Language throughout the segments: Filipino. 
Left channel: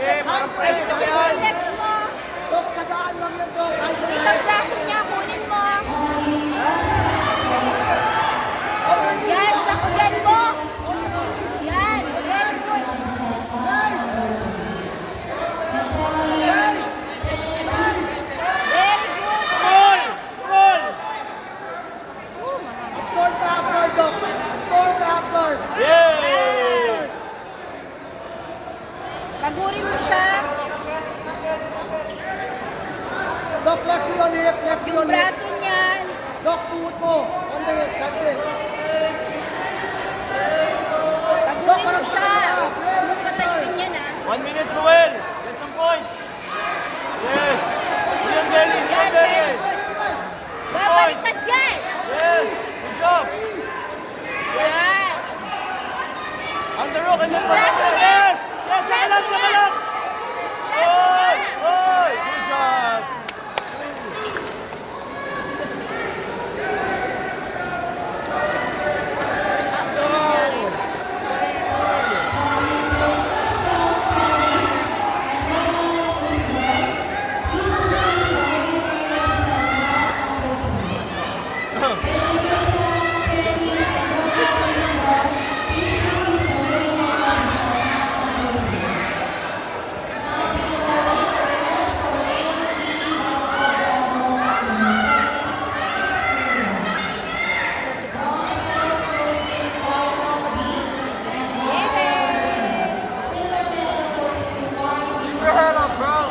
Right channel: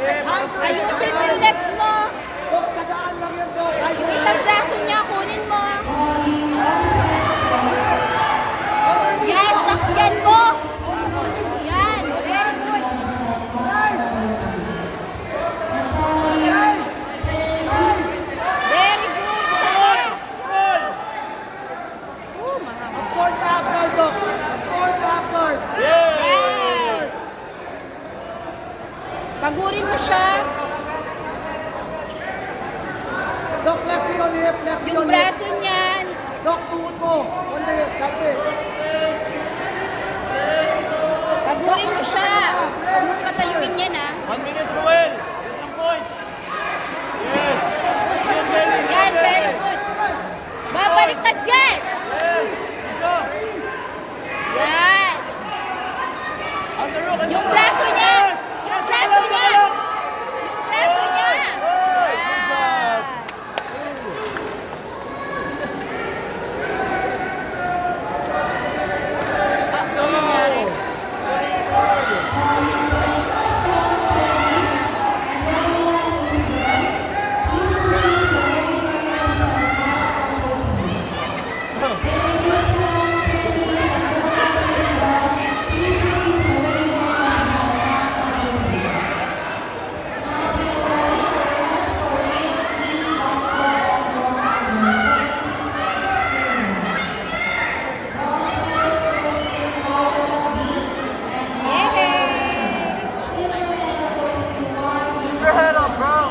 Ayusin mo yung legs mo. Dok, tsagaan lang yan, Dok. Isang braso niya, kunin mo. Yan, sakyan mo. Yan, very good. Very good. Sakyan. Absorb ka after, Dok. Absorb ka after. Yan. Pagurin mo siya. Dok, lefty on hip, lefty Yung on hip. braso niyan. Dok, tuhod mo. On the hip, that's it. Pagurin mo siya. Huwag mo patayuin yan, ha. 1 minute, Ruel. Get some points. Yes. Yan, Belly. Yan, very good. Babaliktad yan. Yes. Good job. Yan. On the rock, on the Yung rock. braso niya. Yes. Yung Yes, braso yes, niya. yes. Yung braso niya. Good job. Keep your head up, bro.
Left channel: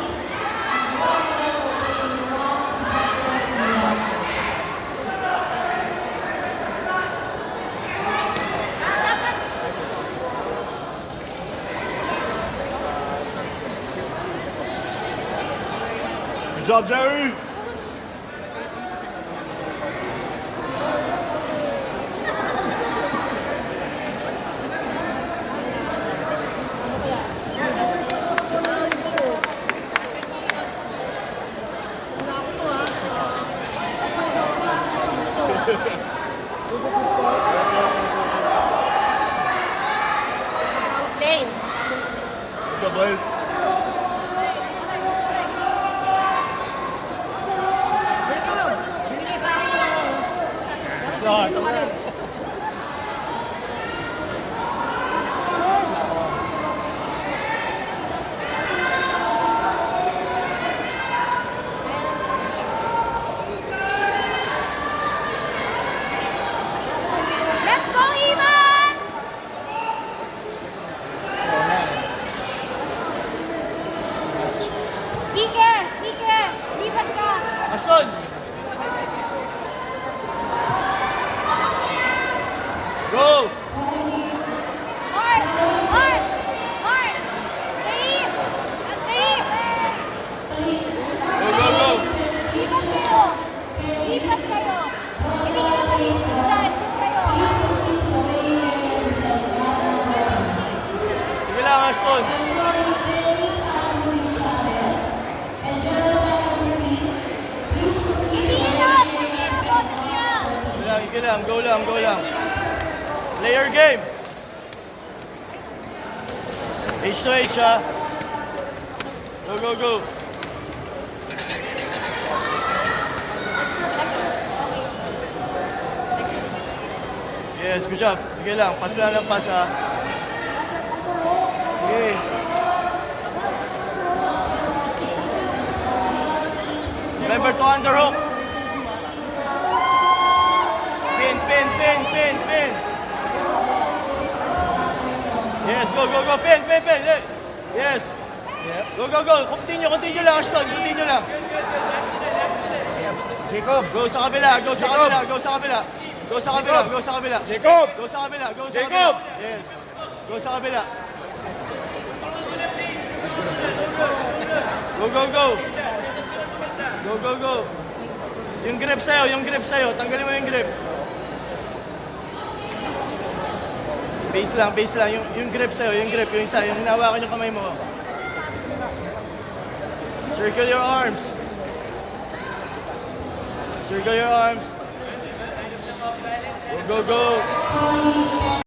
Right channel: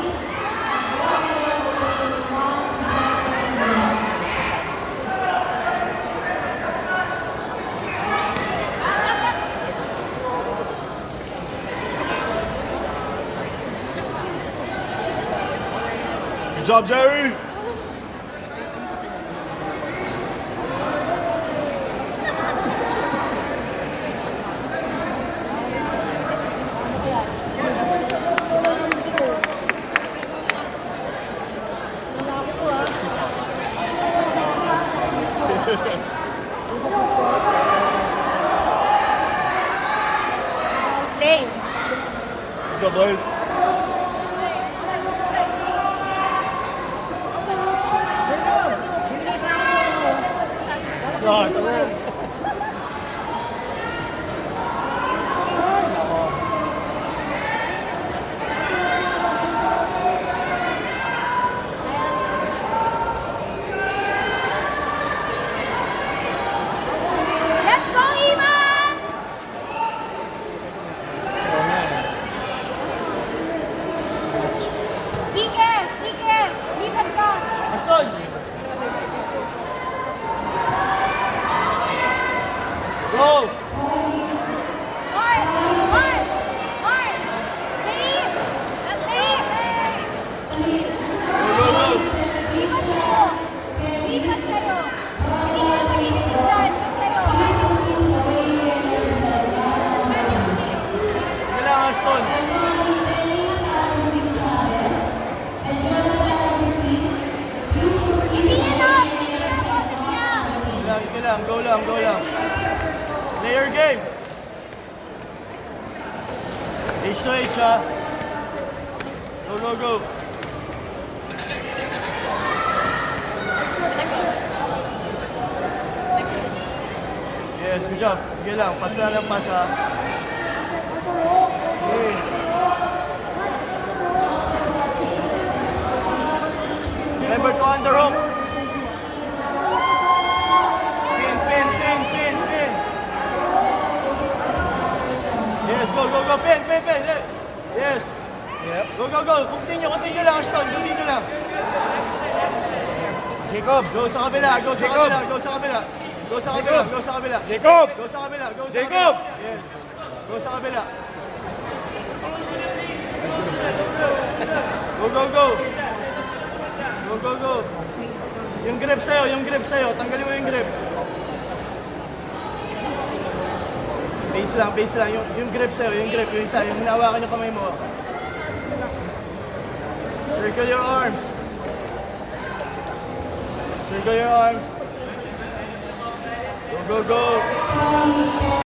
Good job, Jerry. Place. Let's go, Blaze. Fuck. Let's go, Iman! Kike! Kike! Lipat ka! Ashton. Go. Mark! Mark! Mark! Dave! Dave! Go, go, go. Lipat kayo! Lipat kayo! Hindi kayo marinig dyan! Doon kayo! Sige lang, Ashton. Hindi yan lang! Hindi yan boses niya! Sige lang, go lang, go lang. Play your game. H to H, ha? Go, go, go. Yes, good job. Sige lang, pass lang, pass, ha? Okay. Remember to underhook. Pin, pin, pin, pin, pin. Yes, go, go, go. Pin, pin, pin. Yes. Go, go, go. Continue lang, Ashton. Continue lang. Jacob. Go sa kabila, go sa kabila, go sa kabila. Go sa kabila, go sa kabila. Jacob. Go sa kabila, go sa Jacob. kabila. Yes. Go sa kabila. Go, go, go. Go, go, go. Yung grip sa'yo, yung grip sa'yo. Tanggalin mo yung grip. Base lang. Yung grip sa'yo, yung grip. Yung isa, yung hinawakan yung kamay mo. Circle your arms. Circle your arms. Go, go, go.